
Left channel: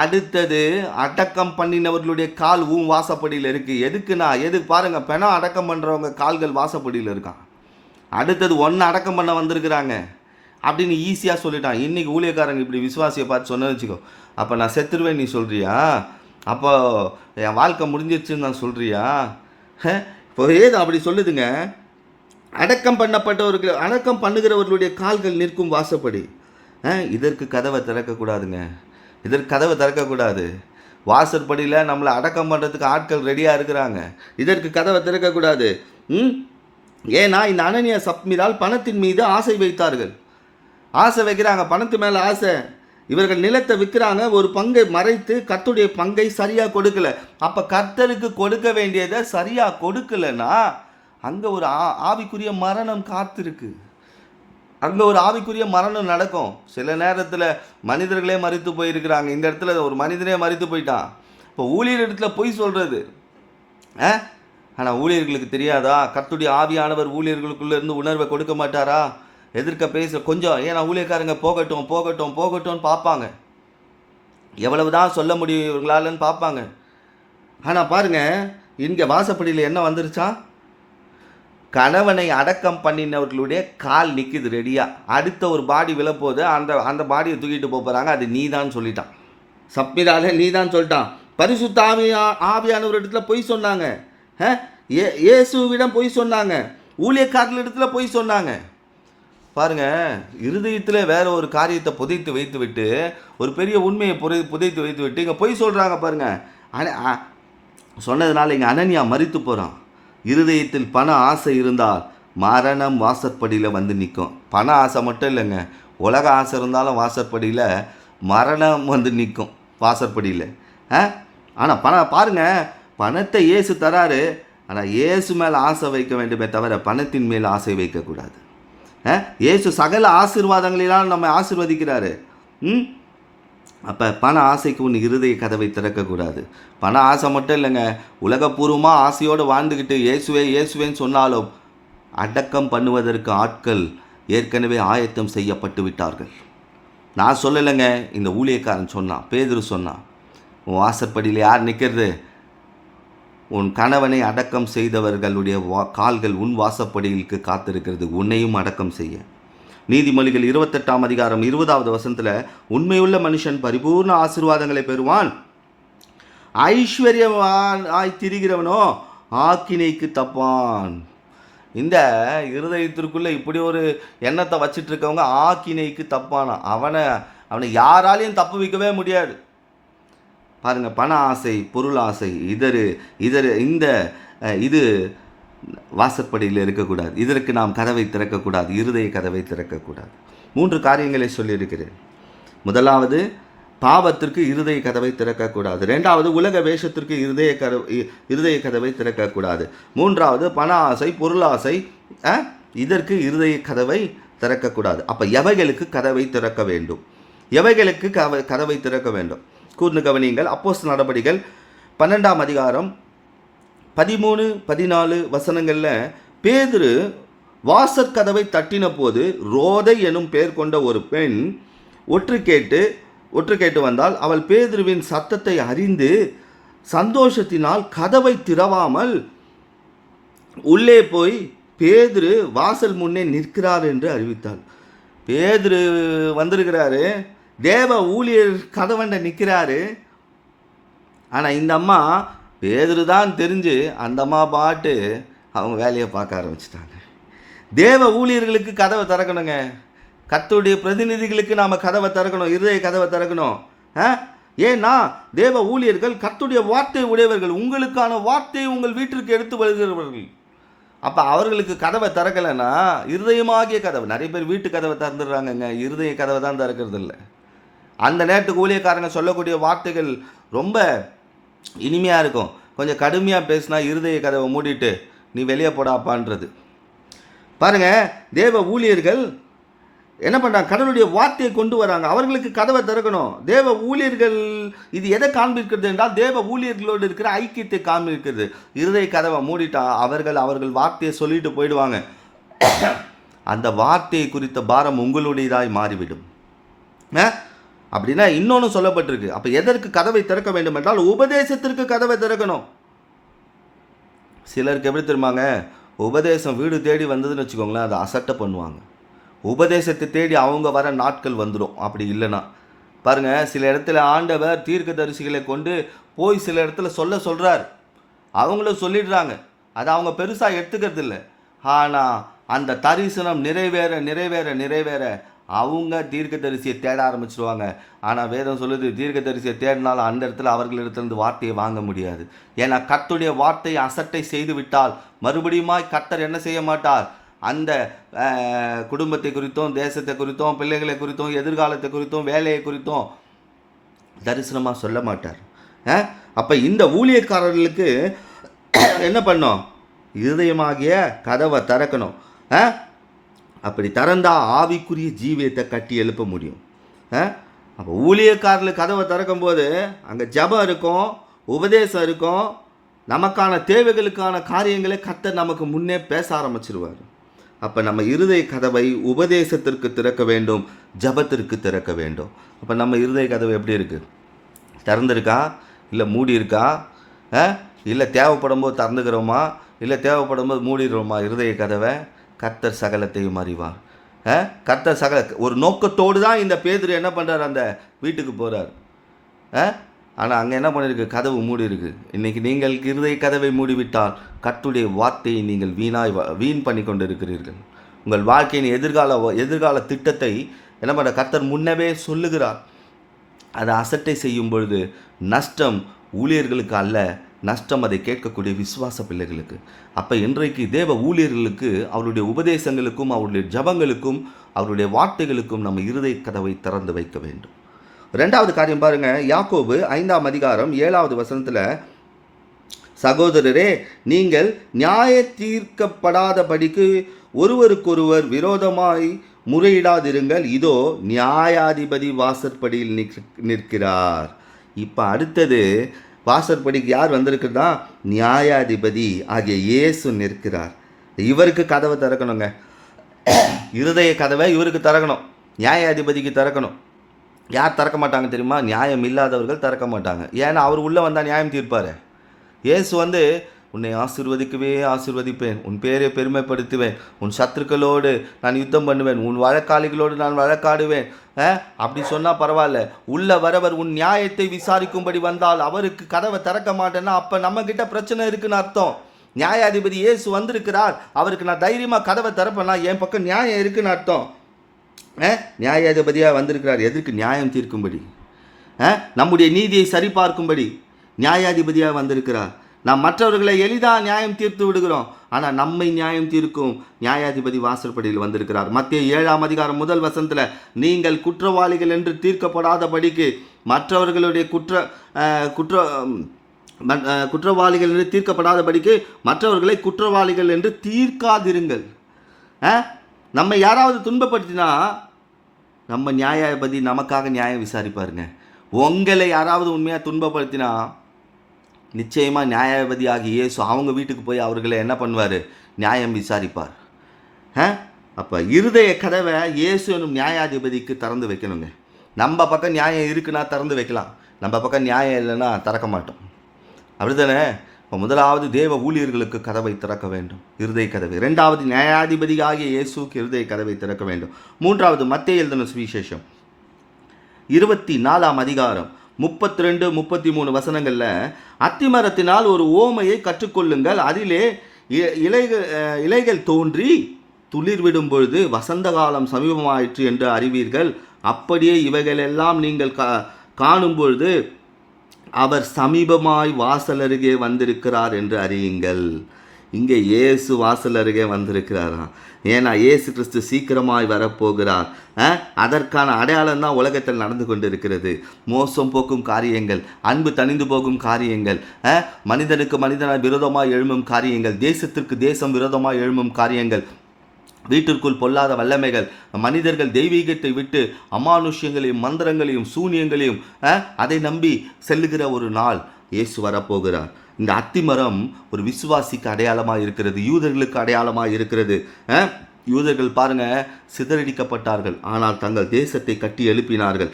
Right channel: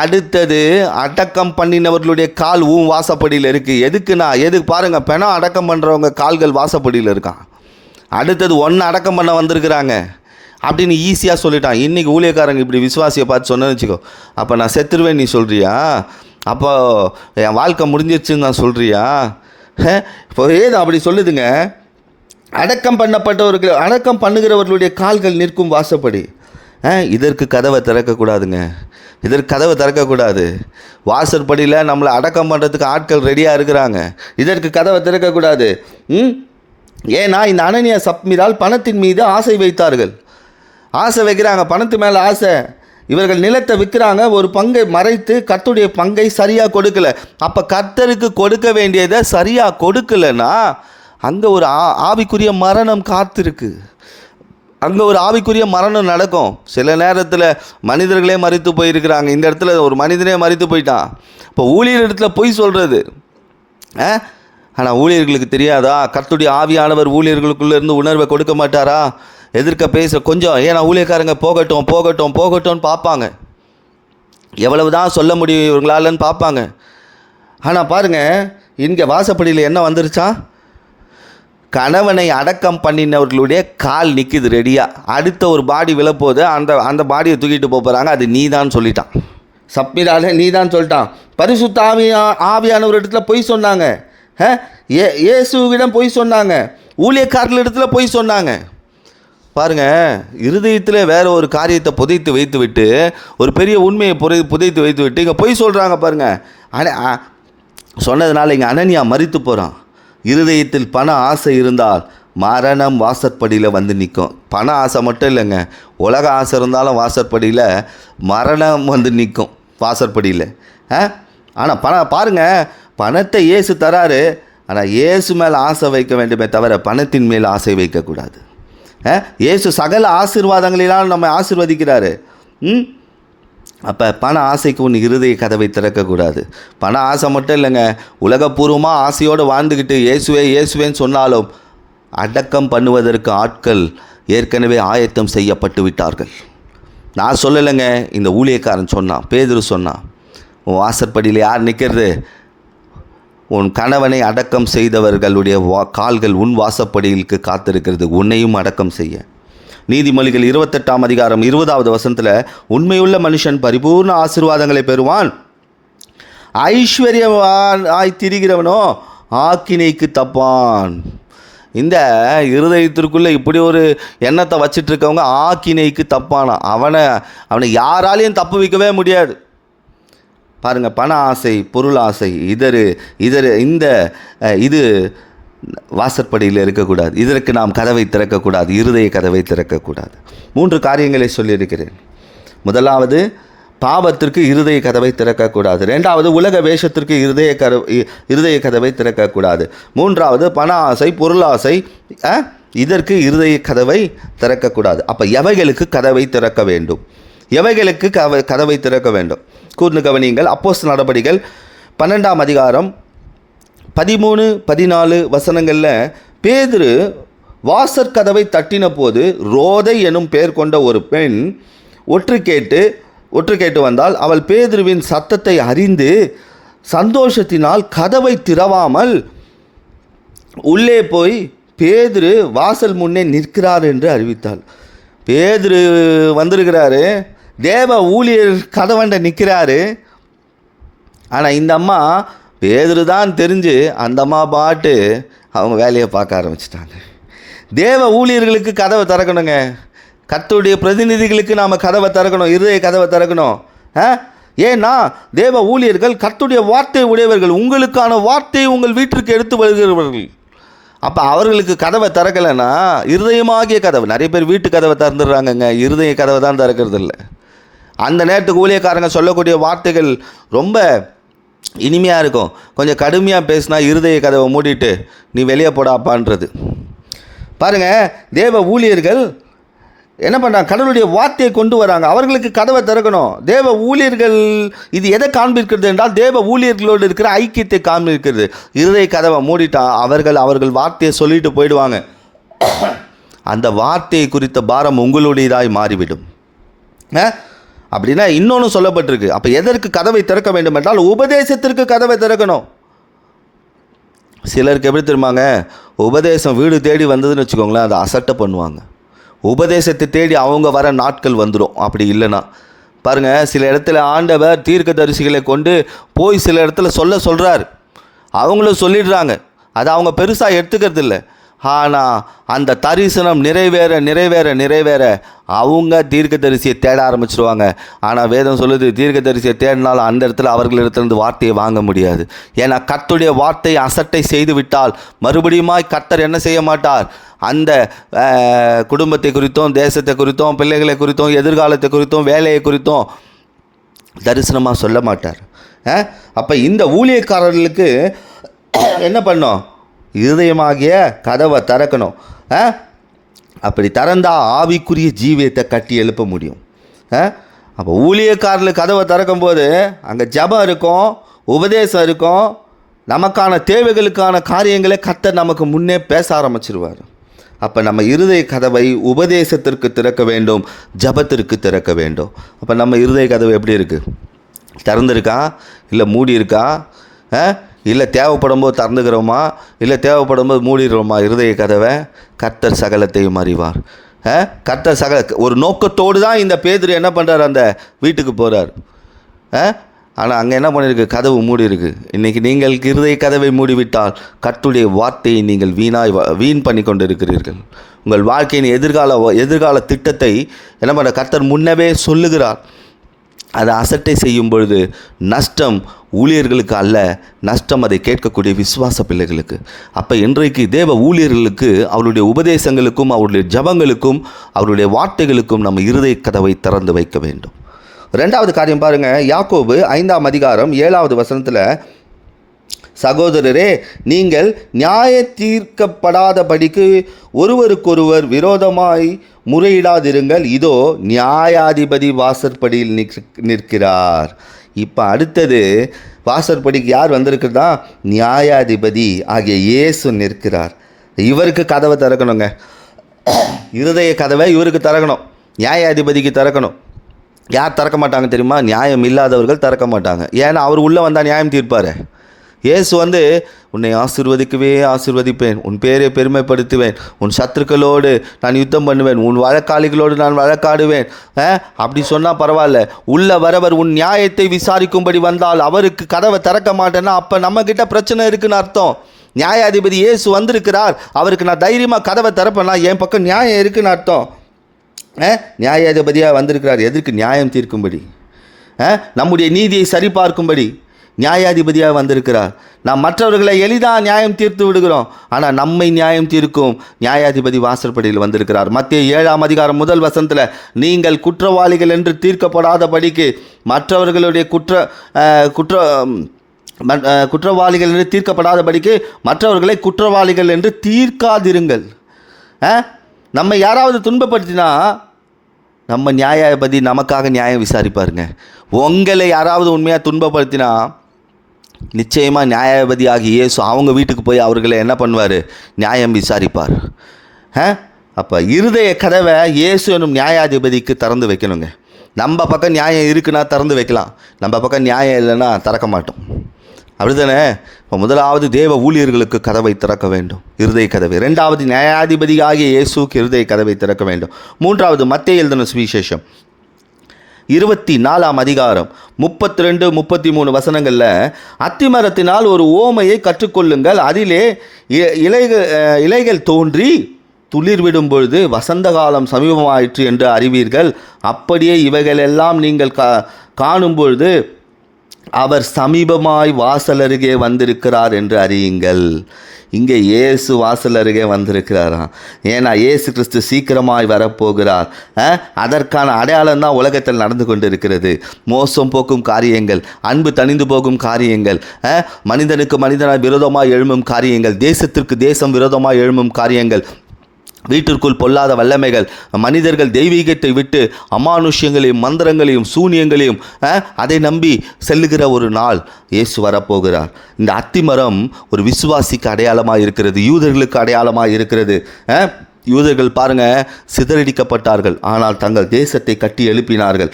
அடுத்தது அடக்கம் பண்ணினவர்களுடைய கால் வாசப்படியில் இருக்குது. எதுக்கு பாருங்கள், பெணம் அடக்கம் பண்ணுறவங்க கால்கள் வாசப்படியில் இருக்கான். அடுத்தது அடக்கம் பண்ண வந்திருக்கிறாங்க அப்படின்னு ஈஸியாக சொல்லிட்டான். இன்றைக்கி ஊழியக்காரங்க இப்படி விசுவாசியை பார்த்து சொன்னேன்னு வச்சுக்கோ, அப்போ நான் செத்துருவேன் நீ சொல்கிறியா? அப்போ என் வாழ்க்கை முடிஞ்சிருச்சுன்னு நான் சொல்கிறியா? இப்போ ஏது அப்படி சொல்லுதுங்க. அடக்கம் பண்ணுகிறவர்களுடைய கால்கள் நிற்கும் வாசப்படி. இதற்கு கதவை திறக்கக்கூடாதுங்க, இதற்கு கதவை திறக்கக்கூடாது. வாசற்படியில் நம்மளை அடக்கம் பண்ணுறதுக்கு ஆட்கள் ரெடியாக இருக்கிறாங்க, இதற்கு கதவை திறக்கக்கூடாது. ஏன்னா இந்த அனனியா சப்மிரால் பணத்தின் மீது ஆசை வைத்தார்கள். ஆசை வைக்கிறாங்க, பணத்து மேலே ஆசை. இவர்கள் நிலத்தை விற்கிறாங்க, ஒரு பங்கை மறைத்து கர்த்தருடைய பங்கை சரியாக கொடுக்கல. அப்போ கர்த்தருக்கு கொடுக்க வேண்டியதை சரியாக கொடுக்கலன்னா அங்கே ஒரு ஆவிக்குரிய மரணம் காத்திருக்கு. அங்கே ஒரு ஆவிக்குரிய மரணம் நடக்கும். சில நேரத்தில் மனிதர்களே மரித்து போயிருக்கிறாங்க. இந்த இடத்துல ஒரு மனிதனே மரித்து போயிட்டான். இப்போ ஊழியர் இடத்துல பொய் சொல்கிறது. ஆனால் ஊழியர்களுக்கு தெரியாதா? கர்த்தருடைய ஆவியானவர் ஊழியர்களுக்குள்ளேருந்து உணர்வை கொடுக்க மாட்டாரா? எதிர்க்க பேச கொஞ்சம், ஏன்னா ஊழியக்காரங்க போகட்டும்னு பார்ப்பாங்க. எவ்வளவு தான் சொல்ல முடியும் இவங்களாலன்னு பார்ப்பாங்க. ஆனால் பாருங்கள், இங்கே வாசப்படியில் என்ன வந்துருச்சா? கணவனை அடக்கம் பண்ணினவர்களுடைய கால் நிற்கிது ரெடியாக. அடுத்த ஒரு பாடி விழப்போது, அந்த பாடியை தூக்கிட்டு போகிறாங்க. அது நீ தான் சொல்லிட்டான். சப்மிராலே நீ தான் சொல்லிட்டான். பரிசுத்த ஆவியானவர் இடத்துல பொய் சொன்னாங்க, இயேசுவிடம் பொய் சொன்னாங்க, ஊழியக்காரர்கள் இடத்துல பொய் சொன்னாங்க. பாருங்கள், இருதயத்தில் வேறு ஒரு காரியத்தை புதைத்து வைத்து விட்டு, ஒரு பெரிய உண்மையை புதைத்து வைத்து விட்டு இங்கே பொய் சொல்கிறாங்க. பாருங்கள், சொன்னதுனால இங்கே அனனியா மரித்து போகிறான். இருதயத்தில் பண ஆசை இருந்தால் மரணம் வாசற்படியில் வந்து நிற்கும். பண ஆசை மட்டும் இல்லைங்க, உலக ஆசை இருந்தாலும் வாசற்படியில் மரணம் வந்து நிற்கும் வாசற்படியில். ஆனால் பாருங்கள், பணத்தை இயேசு தராரு, ஆனால் இயேசு மேலே ஆசை வைக்க வேண்டுமே தவிர பணத்தின் மேல் ஆசை வைக்கக்கூடாது. இயேசு சகல ஆசீர்வாதங்களினால் நம்ம ஆசீர்வதிக்கிறாரு. அப்போ பண ஆசைக்கு ஒன்று இருதய கதவை திறக்கக்கூடாது. பண ஆசை மட்டும் இல்லைங்க, உலகப்பூர்வமாக ஆசையோடு வாழ்ந்துக்கிட்டு இயேசுவேன்னு சொன்னாலும் அடக்கம் பண்ணுவதற்கு ஆட்கள் ஏற்கனவே ஆயத்தம் செய்யப்பட்டு விட்டார்கள். நான் சொல்லலைங்க, இந்த ஊழியக்காரன் சொன்னான், பேதுரு சொன்னான். உன் வாசற்படியில் யார் நிற்கிறது? உன் கணவனை அடக்கம் செய்தவர்களுடைய கால்கள் உன் வாசப்படியிலுக்கு காத்திருக்கிறது, உன்னையும் அடக்கம் செய்ய. நீதிமொழிகள் 28ஆம் அதிகாரம் 20வது வசனத்தில், உண்மையுள்ள மனுஷன் பரிபூர்ண ஆசீர்வாதங்களை பெறுவான், ஐஸ்வர்யவான் திரிகிறவனோ ஆக்கினைக்கு தப்பான். இந்த இருதயத்திற்குள்ளே இப்படி ஒரு எண்ணத்தை வச்சிட்டு இருக்கவங்க ஆக்கினைக்கு தப்பானா. அவனை யாராலையும் தப்பு வைக்கவே முடியாது. பாருங்கள், பண ஆசை, பொருள் ஆசை, இது வாசற்படியில் இருக்கக்கூடாது. இதற்கு நாம் கதவை திறக்கக்கூடாது, இருதய கதவை திறக்கக்கூடாது. 3 காரியங்களை சொல்லியிருக்கிறேன். முதலாவது, பாவத்திற்கு இருதய கதவை திறக்கக்கூடாது. 2வது, உலக வேஷத்திற்கு இருதய கதவை திறக்கக்கூடாது. 3வது, பண ஆசை, பொருள் ஆசை, இதற்கு இருதய கதவை திறக்கக்கூடாது. அப்போ எவைகளுக்கு கதவை திறக்க வேண்டும்? கதவை திறக்க வேண்டும். கூர்ந்து கவனியுங்கள். அப்போஸ்தலர் நடபடிகள் 12ஆம் அதிகாரம் 13, 14 வசனங்களில், பேதுரு வாசற்கதவை தட்டின போது ரோதை எனும் பெயர் கொண்ட ஒரு பெண் ஒற்று கேட்டு வந்தால், அவள் பேதுருவின் சத்தத்தை அறிந்து சந்தோஷத்தினால் கதவை திறவாமல் உள்ளே போய் பேதுரு வாசல் முன்னே நிற்கிறார் என்று அறிவித்தாள். பேதுரு வந்திருக்கிறாரு, தேவ ஊழியர் கதவண்ட நிற்கிறாரு. ஆனால் இந்த அம்மா பேதுரு தான் தெரிஞ்சு அந்த அம்மா பாட்டு அவங்க வேலையை பார்க்க ஆரம்பிச்சிட்டாங்க. தேவ ஊழியர்களுக்கு கதவை திறக்கணுங்க. கர்த்தருடைய பிரதிநிதிகளுக்கு நாம் கதவை திறக்கணும், இருதய கதவை திறக்கணும். ஏன்னா தேவ ஊழியர்கள் கர்த்தருடைய வார்த்தை உடையவர்கள், உங்களுக்கான வார்த்தையை உங்கள் வீட்டிற்கு எடுத்து வருகிறவர்கள். அப்போ அவர்களுக்கு கதவை திறக்கலைன்னா இருதயமாகிய கதவை, நிறைய பேர் வீட்டு கதவை திறந்துடுறாங்கங்க, இருதய கதவை தான் திறக்கிறது இல்லை. அந்த நேரத்துக்கு ஊழியக்காரங்க சொல்லக்கூடிய வார்த்தைகள் ரொம்ப இனிமையாக இருக்கும், கொஞ்சம் கடுமையாக பேசினா இருதய கதவை மூடிட்டு நீ வெளியே போடாப்பான்றது. பாருங்கள், தேவ ஊழியர்கள் என்ன பண்ணுறாங்க, கடவுளுடைய வார்த்தையை கொண்டு வராங்க, அவர்களுக்கு கதவை திறக்கணும். தேவ ஊழியர்கள் இது எதை காண்பிக்கிறது என்றால் தேவ ஊழியர்களோடு இருக்கிற ஐக்கியத்தை காண்பிக்கிறது. இருதய கதவை மூடிட்டா அவர்கள் வார்த்தையை சொல்லிட்டு போயிடுவாங்க. அந்த வார்த்தையை குறித்த பாரம் உங்களுடையதாய் மாறிவிடும். அப்படின்னா இன்னொன்று சொல்லப்பட்டிருக்கு. அப்போ எதற்கு கதவை திறக்க வேண்டும் என்றால் உபதேசத்திற்கு கதவை திறக்கணும். சிலருக்கு எப்படி தெரியுமாங்க, உபதேசம் வீடு தேடி வந்ததுன்னு வச்சுக்கோங்களேன், அதை அசட்டை பண்ணுவாங்க. உபதேசத்தை தேடி அவங்க வர நாட்கள் வந்துடும். அப்படி இல்லைன்னா பாருங்கள், சில இடத்துல ஆண்டவர் தீர்க்கதரிசிகளை கொண்டு போய் சில இடத்துல சொல்கிறார், அவங்களும் சொல்லிடுறாங்க, அதை அவங்க பெருசாக எடுத்துக்கிறது இல்லை. ஆனால் அந்த தரிசனம் நிறைவேற அவங்க தீர்க்கதரிசியை தேட ஆரம்பிச்சிருவாங்க. ஆனால் வேதம் சொல்லுது, தீர்க்கதரிசியை தேடினாலும் அந்த இடத்துல அவர்களிடத்திலிருந்து வார்த்தையை வாங்க முடியாது. ஏன்னா கர்த்தருடைய வார்த்தையை அசட்டை செய்து விட்டால் மறுபடியுமாய் கர்த்தர் என்ன செய்ய மாட்டார், அந்த குடும்பத்தை குறித்தும், தேசத்தை குறித்தும், பிள்ளைகளை குறித்தும், எதிர்காலத்தை குறித்தும், வேலையை குறித்தும் தரிசனமாக சொல்ல மாட்டார். அப்போ இந்த ஊழியக்காரர்களுக்கு என்ன பண்ணோம், இருதயமாகிய கதவை திறக்கணும். அப்படி திறந்தால் ஆவிக்குரிய ஜீவியத்தை கட்டி எழுப்ப முடியும். அப்போ ஊழியக்காரர்கள் கதவை திறக்கும் போது அங்கே ஜபம் இருக்கும், உபதேசம் இருக்கும், நமக்கான தேவைகளுக்கான காரியங்களை கர்த்தர் நமக்கு முன்னே பேச ஆரம்பிச்சிருவார். அப்போ நம்ம இருதய கதவை உபதேசத்திற்கு திறக்க வேண்டும், ஜபத்திற்கு திறக்க வேண்டும். அப்போ நம்ம இருதய கதவை எப்படி இருக்குது, திறந்துருக்கா இல்லை மூடி இருக்கா, இல்லை தேவைப்படும் போது திறந்துக்கிறோமா இல்லை தேவைப்படும் போது மூடிடுறோமா இருதய கதவை? கர்த்தர் சகலத்தையும் அறிவார். கர்த்தர் ஒரு நோக்கத்தோடு தான் இந்த பேதுரு என்ன பண்ணுறார், அந்த வீட்டுக்கு போகிறார். ஆனால் அங்கே என்ன பண்ணியிருக்கு, கதவு மூடி இருக்குது. இன்றைக்கி நீங்கள் இருதய கதவை மூடிவிட்டால் கர்த்தருடைய வார்த்தையை நீங்கள் வீண் பண்ணி கொண்டு இருக்கிறீர்கள். உங்கள் வாழ்க்கையின் எதிர்கால திட்டத்தை என்ன பண்ண கர்த்தர் முன்னவே சொல்லுகிறார். அதை அசட்டை செய்யும் பொழுது நஷ்டம் ஊழியர்களுக்கு அல்ல, நஷ்டம் அதை கேட்கக்கூடிய விசுவாச பிள்ளைகளுக்கு. அப்போ இன்றைக்கு தேவ ஊழியர்களுக்கு அவருடைய உபதேசங்களுக்கும், அவருடைய ஜபங்களுக்கும், அவருடைய வார்த்தைகளுக்கும் நம்ம இருதய கதவை திறந்து வைக்க வேண்டும். ரெண்டாவது காரியம் பாருங்கள், யாக்கோபு 5ஆம் அதிகாரம் 7வது வசனத்தில், சகோதரரே, நீங்கள் நியாய தீர்க்கப்படாதபடிக்கு ஒருவருக்கொருவர் விரோதமாய் முறையிடாதிருங்கள், இதோ நியாயாதிபதி வாசற்படியில் நிற்கிறார். இப்போ அடுத்தது வாசற்படிக்கு யார் வந்திருக்கிறதா, நியாயாதிபதி ஆகிய இயேசு நிற்கிறார். இவருக்கு கதவை திறக்கணுங்க, இருதய கதவை இவருக்கு திறக்கணும், நியாயாதிபதிக்கு திறக்கணும். யார் திறக்க மாட்டாங்க தெரியுமா, நியாயம் இல்லாதவர்கள் திறக்க மாட்டாங்க. ஏன்னா அவர் உள்ளே வந்தால் நியாயம் தீர்ப்பார். இயேசு உன்னை ஆசீர்வதிப்பேன், உன் பேரை பெருமைப்படுத்துவேன், உன் சத்துருக்களோடு நான் யுத்தம் பண்ணுவேன், உன் வழக்காளிகளோடு நான் வழக்காடுவேன். அப்படி சொன்னால் பரவாயில்ல, உள்ள வரவர் உன் நியாயத்தை விசாரிக்கும்படி வந்தால் அவருக்கு கதவை திறக்க மாட்டேன்னா அப்போ நம்மக்கிட்ட பிரச்சனை இருக்குன்னு அர்த்தம். நியாயாதிபதி இயேசு வந்திருக்கிறார், அவருக்கு நான் தைரியமாக கதவை திறப்பேன்னா என் பக்கம் நியாயம் இருக்குன்னு அர்த்தம். நியாயாதிபதியாக வந்திருக்கிறார், எதற்கு, நியாயம் தீர்க்கும்படி, நம்முடைய நீதியை சரிபார்க்கும்படி நியாயாதிபதியாக வந்திருக்கிறார். நாம் மற்றவர்களை எளிதாக நியாயம் தீர்த்து விடுகிறோம், ஆனால் நம்மை நியாயம் தீர்க்கும் நியாயாதிபதி வாசற்படியில் வந்திருக்கிறார். மத்தேயு 7ஆம் அதிகாரம் 1 வசனத்தில், நீங்கள் குற்றவாளிகள் என்று தீர்க்கப்படாதபடிக்கு மற்றவர்களுடைய குற்றவாளிகள் என்று தீர்க்கப்படாதபடிக்கு மற்றவர்களை குற்றவாளிகள் என்று தீர்க்காதிருங்கள். நம்ம யாராவது துன்பப்படுத்தினா நம்ம நியாயாதிபதி நமக்காக நியாயம் விசாரிப்பாருங்க. உங்களை யாராவது உண்மையாக துன்பப்படுத்தினா நிச்சயமாக நியாயாதிபதி ஆகிய இயேசு அவங்க வீட்டுக்கு போய் அவர்களை என்ன பண்ணுவார், நியாயம் விசாரிப்பார். அப்போ இருதய கதவை இயேசு என்னும் நியாயாதிபதிக்கு திறந்து வைக்கணுங்க. நம்ம பக்கம் நியாயம் இருக்குன்னா திறந்து வைக்கலாம், நம்ம பக்கம் நியாயம் இல்லைன்னா திறக்க மாட்டோம். அப்படிதானே? இப்போ முதலாவது தேவ ஊழியர்களுக்கு கதவை திறக்க வேண்டும், இருதய கதவை. இரண்டாவது நியாயாதிபதியாகிய இயேசுக்கு இருதய கதவை திறக்க வேண்டும். மூன்றாவது மத்தேயு எழுதின சுவிசேஷம் 24ஆம் அதிகாரம் 32, 33 வசனங்களில், அத்திமரத்தினால் ஒரு ஓமையை கற்றுக்கொள்ளுங்கள். அதிலே இலைகள் தோன்றி துளிர் விடும் பொழுது வசந்த காலம் சமீபமாயிற்று என்று அறிவீர்கள். அப்படியே இவைகளெல்லாம் நீங்கள் காணும் பொழுது அவர் சமீபமாய் வாசல் அருகே வந்திருக்கிறார் என்று அறியுங்கள். இங்கே இயேசு வாசல் அருகே வந்திருக்கிறாராம். ஏன்னா இயேசு கிறிஸ்து சீக்கிரமாய் வரப்போகிறார். அதற்கான அடையாளம் தான் உலகத்தில் நடந்து கொண்டு இருக்கிறது. மோசம் போக்கும் காரியங்கள், அன்பு தணிந்து போகும் காரியங்கள், மனிதனுக்கு மனிதனாய் விரோதமாக எழும்பும் காரியங்கள், தேசத்திற்கு தேசம் விரோதமாக எழும்பும் காரியங்கள், வீட்டிற்குள் பொல்லாத வல்லமைகள், மனிதர்கள் தெய்வீகத்தை விட்டு அமானுஷ்யங்களையும் மந்திரங்களையும் சூனியங்களையும் அதை நம்பி செல்லுகிற ஒரு நாள் இயேசு வரப்போகிறார். இந்த அத்திமரம் ஒரு விசுவாசிக்கு அடையாளமாக இருக்கிறது, யூதர்களுக்கு அடையாளமாக இருக்கிறது. யூதர்கள் பாருங்க, சிதறடிக்கப்பட்டார்கள், ஆனால் தங்கள் தேசத்தை கட்டி எழுப்பினார்கள்.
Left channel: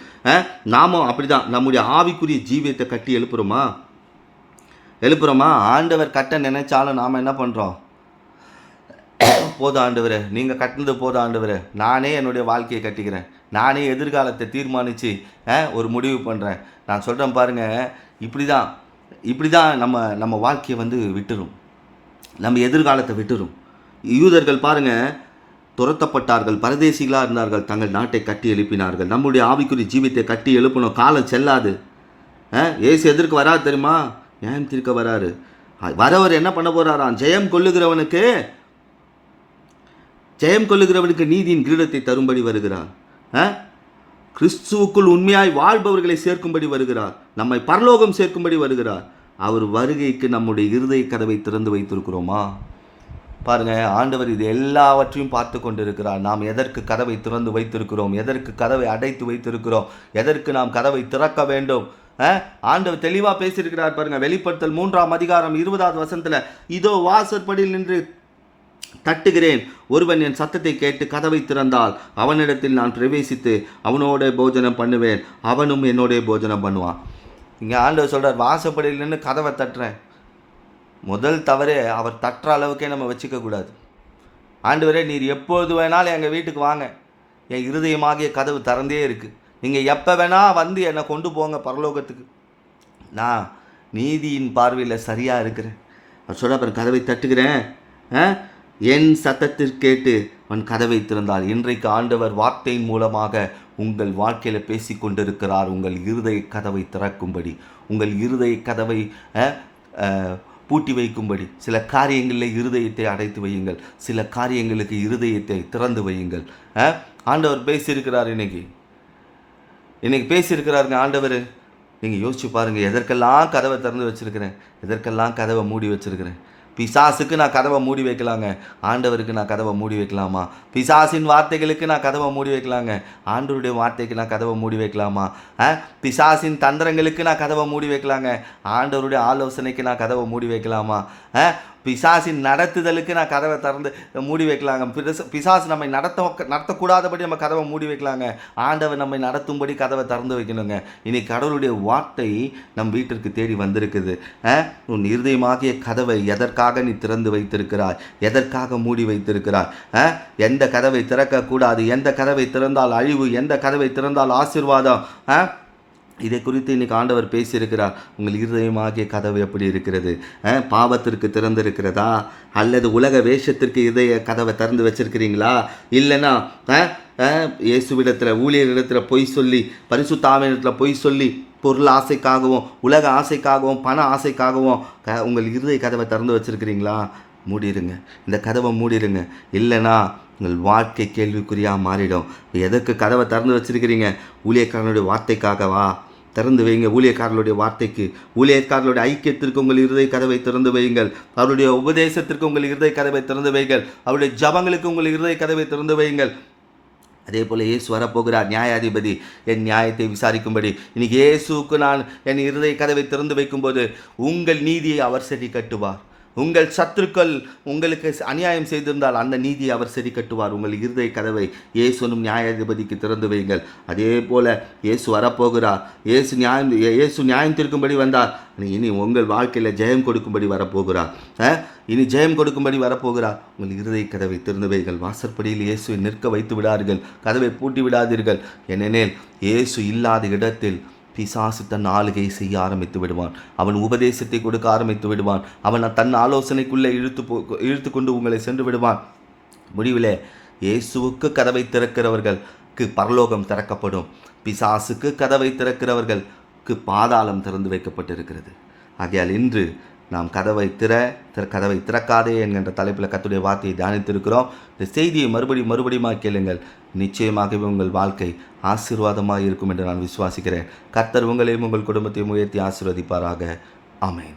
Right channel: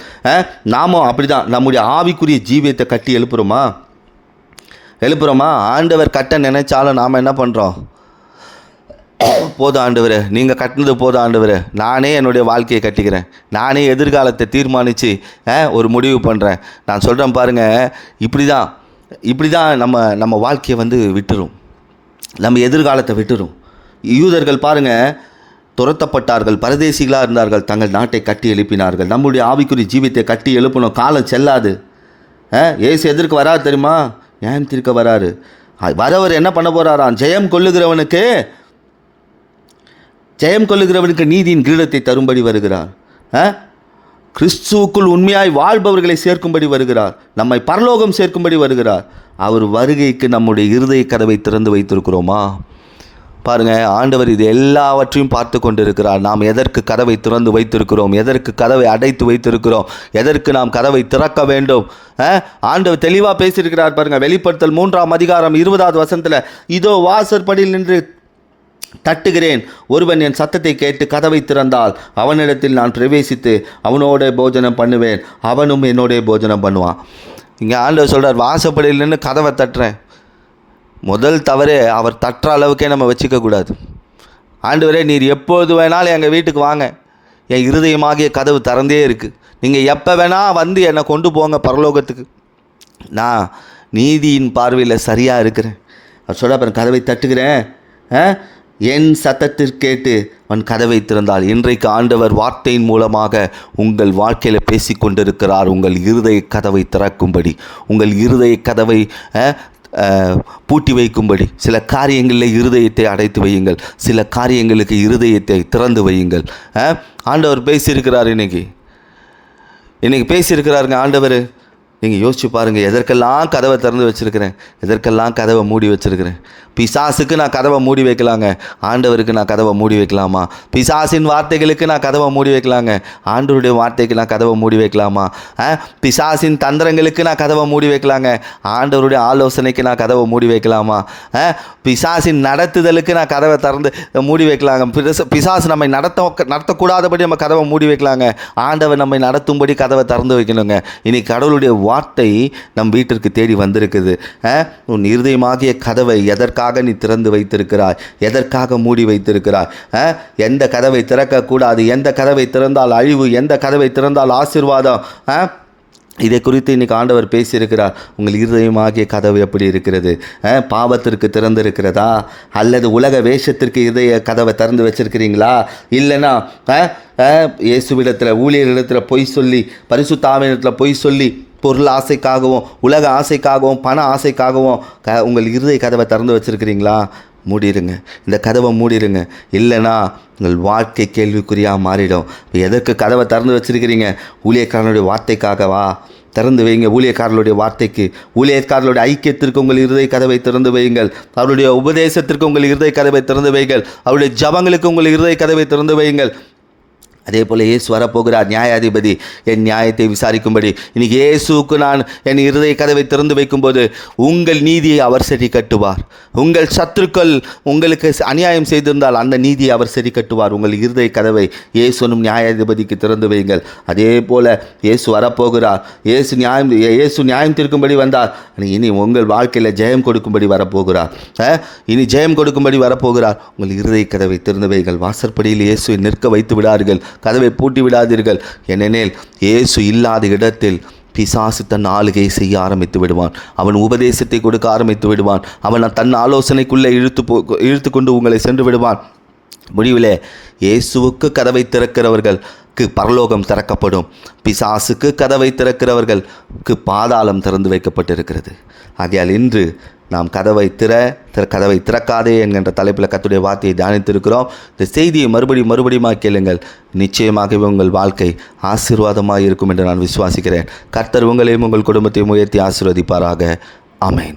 நாமும் அப்படிதான் நம்முடைய ஆவிக்குரிய ஜீவியத்தை கட்டி எழுப்புறோமா? ஆண்டவர் கட்ட நினைச்சாலும் நாம் என்ன பண்ணுறோம்? போதும் ஆண்டவரே, நீங்கள் கட்டினது போதும் ஆண்டவரே, நானே என்னுடைய வாழ்க்கையை கட்டிக்கிறேன், நானே எதிர்காலத்தை தீர்மானித்து ஒரு முடிவு பண்ணுறேன். நான் சொல்கிறேன் பாருங்கள், இப்படி தான் நம்ம வாழ்க்கையை விட்டுரும், நம்ம எதிர்காலத்தை விட்டுரும். யூதர்கள் பாருங்கள், துரத்தப்பட்டார்கள், பரதேசிகளாக இருந்தார்கள், தங்கள் நாட்டை கட்டி எழுப்பினார்கள். நம்முடைய ஆவிக்குரிய ஜீவியத்தை கட்டி எழுப்பணும். காலம் செல்லாது. ஏசு எதற்கு வராது தெரியுமா? ஏன் தீர்க்க வராரு. வரவர் என்ன பண்ண போகிறாராம்? ஜெயம் கொள்ளுகிறவனுக்கு நீதியின் கிரீடத்தை தரும்படி வருகிறார். கிறிஸ்துவுக்குள் உண்மையாய் வாழ்பவர்களை சேர்க்கும்படி வருகிறார். நம்மை பரலோகம் சேர்க்கும்படி வருகிறார். அவர் வருகைக்கு நம்முடைய இருதய கதவை திறந்து வைத்திருக்கிறோமா? பாருங்கள், ஆண்டவர் இது எல்லாவற்றையும் பார்த்து கொண்டிருக்கிறார். நாம் எதற்கு கதவை திறந்து வைத்திருக்கிறோம், எதற்கு கதவை அடைத்து வைத்திருக்கிறோம், எதற்கு நாம் கதவை திறக்க வேண்டும்? ஆண்டவர் தெளிவாக பேசியிருக்கிறார் பாருங்கள். வெளிப்படுத்தல் 3ஆம் அதிகாரம் 20வது வசனத்தில், இதோ வாசற்படியில் நின்று தட்டுகிறேன், ஒருவன் என் சத்தத்தை கேட்டு கதவை திறந்தால் அவனிடத்தில் நான் பிரவேசித்து அவனோட போஜனம் பண்ணுவேன், அவனும் என்னோட போஜனம் பண்ணுவான். இங்கே ஆண்டவர் சொல்கிறார், வாசப்படியில் நின்று கதவை தட்டுறேன். முதல் தவறே அவர் தட்டுற அளவுக்கே நம்ம வச்சுக்கக்கூடாது. ஆண்டவரே, நீர் எப்போது வேணாலும் எங்கள் வீட்டுக்கு வாங்க, என் இருதயமாகிய கதவு திறந்தே இருக்குது, நீங்கள் எப்போ வேணால் என்னை கொண்டு போங்க பரலோகத்துக்கு, நான் நீதியின் பார்வையில் சரியாக இருக்கிறேன். அவர் சொல்ல அப்புறம் கதவை தட்டுகிறேன், என் சத்தத்திற்கு கேட்டு அவன் கதவை திறந்தால். இன்றைக்கு ஆண்டவர் வார்த்தையின் மூலமாக உங்கள் வாழ்க்கையில் பேசி கொண்டிருக்கிறார். உங்கள் இருதய கதவை திறக்கும்படி, உங்கள் இருதய கதவை பூட்டி வைக்கும்படி. சில காரியங்களில் இருதயத்தை அடைத்து வையுங்கள், சில காரியங்களுக்கு இருதயத்தை திறந்து வையுங்கள். ஆண்டவர் பேசியிருக்கிறார். இன்னைக்கு பேசியிருக்கிறாருங்க ஆண்டவர். நீங்கள் யோசிச்சு பாருங்கள், எதற்கெல்லாம் கதவை திறந்து வச்சுருக்கிறேன், எதற்கெல்லாம் கதவை மூடி வச்சுருக்கிறேன். பிசாசுக்கு நான் கதவை மூடி வைக்கலாங்க, ஆண்டவருக்கு நான் கதவை மூடி வைக்கலாமா? பிசாசின் வார்த்தைகளுக்கு நான் கதவை மூடி வைக்கலாங்க, ஆண்டவருடைய வார்த்தைக்கு நான் கதவை மூடி வைக்கலாமா? பிசாசின் தந்திரங்களுக்கு நான் கதவை மூடி வைக்கலாங்க, ஆண்டவருடைய ஆலோசனைக்கு நான் கதவை மூடி வைக்கலாமா? பிசாசின் நடத்துதலுக்கு நான் கதவை திறந்து மூடி வைக்கலாங்க. பிசாசு நம்மை நடத்தக்கூடாதபடி நம்ம கதவை மூடி வைக்கலாங்க, ஆண்டவர் நம்மை நடத்தும்படி கதவை திறந்து வைக்கணுங்க. இன்னைக்கு கடவுளுடைய வார்த்தை நம் வீட்டிற்கு தேடி வந்திருக்குது. உன் இருதயமாகிய கதவை எதற்காக நீ திறந்து வைத்திருக்கிறாய், எதற்காக மூடி வைத்திருக்கிறாய்? எந்த கதவை திறக்கக்கூடாது, எந்த கதவை திறந்தால் அழிவு, எந்த கதவை திறந்தால் ஆசீர்வாதம், இதை குறித்து இன்றைக்கி ஆண்டவர் பேசியிருக்கிறார். உங்கள் இருதயமாகிய கதவு எப்படி இருக்கிறது? பாவத்திற்கு திறந்திருக்கிறதா, அல்லது உலக வேஷத்திற்கு இதய கதவை திறந்து வச்சிருக்கிறீங்களா? இல்லைன்னா இயேசுவிடத்தில் ஊழியர்களிடத்தில் பொய் சொல்லி, பரிசுத்த ஆவியிடத்தில் பொய் சொல்லி, பொருள் ஆசைக்காகவும் உலக ஆசைக்காகவும் பண ஆசைக்காகவும் உங்கள் இருதய கதவை திறந்து வச்சுருக்கிறீங்களா? மூடிடுங்க, இந்த கதவை மூடிடுங்க. இல்லைன்னா உங்கள் வாழ்க்கை கேள்விக்குறியாக மாறிடும். எதற்கு கதவை திறந்து வச்சுருக்கிறீங்க? ஊழியக்காரனுடைய வார்த்தைக்காகவா? திறந்து வைங்க. ஊழியக்காரர்களுடைய வார்த்தைக்கு, ஊழியக்காரர்களுடைய ஐக்கியத்திற்கு உங்கள் இருதய கதவை திறந்து வையுங்கள். அவருடைய உபதேசத்திற்கு உங்கள் இருதய கதவை திறந்து வையுங்கள். அவருடைய ஜபங்களுக்கு உங்கள் இருதய கதவை திறந்து வையுங்கள். அதே போல் இயேசு வரப்போகிறார், நியாயாதிபதி, என் நியாயத்தை விசாரிக்கும்படி. இன்னைக்கு இயேசுக்கு நான் என் இருதய கதவை திறந்து வைக்கும்போது உங்கள் நீதியை அவர் சரி கட்டுவார். உங்கள் சத்துருக்கள் உங்களுக்கு அநியாயம் செய்திருந்தால் அந்த நீதியை அவர் சரி கட்டுவார். உங்கள் இருதய கதவை இயேசுனும் நியாயாதிபதிக்கு திறந்து வையுங்கள். அதே போல் இயேசு வரப்போகிறார். இயேசு நியாயம் தீர்க்கும்படி வந்தார். இனி உங்கள் வாழ்க்கையில் ஜெயம் கொடுக்கும்படி வரப்போகிறார். இனி ஜெயம் கொடுக்கும்படி வரப்போகிறார். உங்கள் இருதய கதவை திறந்து வையுங்கள். வாசற்படியில் இயேசுவை நிற்க வைத்து விடார்கள். கதவை பூட்டி விடாதீர்கள். ஏனெனில் இயேசு இல்லாத இடத்தில் பிசாசு தன் ஆளுகை செய்ய ஆரம்பித்து விடுவான். அவன் உபதேசத்தை கொடுக்க ஆரம்பித்து விடுவான். அவன் தன் ஆலோசனைக்குள்ளே இழுத்து கொண்டு உங்களை சென்று விடுவான். முடிவில் இயேசுவுக்கு கதவை திறக்கிறவர்களுக்கு பரலோகம் திறக்கப்படும். பிசாசுக்கு கதவை திறக்கிறவர்களுக்கு பாதாளம் திறந்து வைக்கப்பட்டிருக்கிறது. ஆகையால் இன்று நாம் கதவை திறக்காதே என்கின்ற தலைப்பில் கர்த்தருடைய வார்த்தையை தியானித்திருக்கிறோம். இந்த செய்தியை மறுபடியும் கேளுங்கள். நிச்சயமாகவே உங்கள் வாழ்க்கை ஆசீர்வாதமாக இருக்கும் என்று நான் விசுவாசிக்கிறேன். கர்த்தர் உங்களையும் உங்கள் குடும்பத்தையும் உயர்த்தி ஆசீர்வதிப்பாராக. ஆமென்.